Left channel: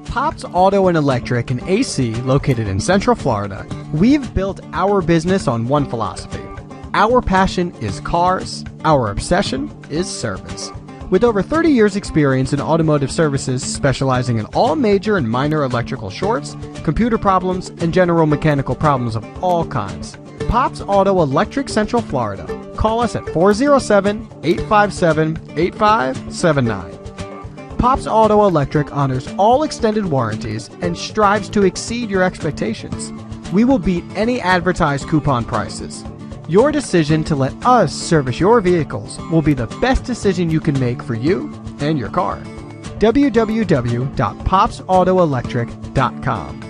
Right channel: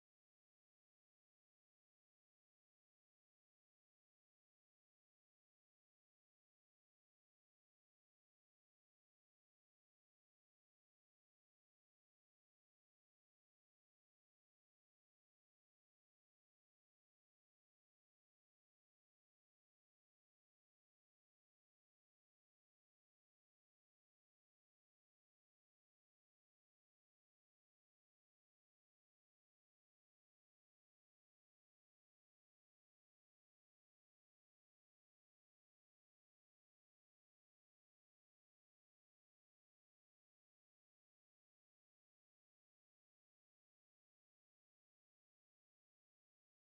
At Pops Auto and Electric and AC, located in Central Florida, we've built our business on one philosophy. Our passion is cars, our obsession is service. With over 30 years experience in automotive services specializing in all major and minor electrical shorts, computer problems, and general mechanical problems of all kinds. Pops Auto Electric Central Florida. Call us at 407-857-8579. Pops Auto Electric honors all extended warranties and strives to exceed your expectations. We will beat any advertised coupon prices. Your decision to let us service your vehicles will be the best decision you can make for you and your car. www.popsautoelectric.com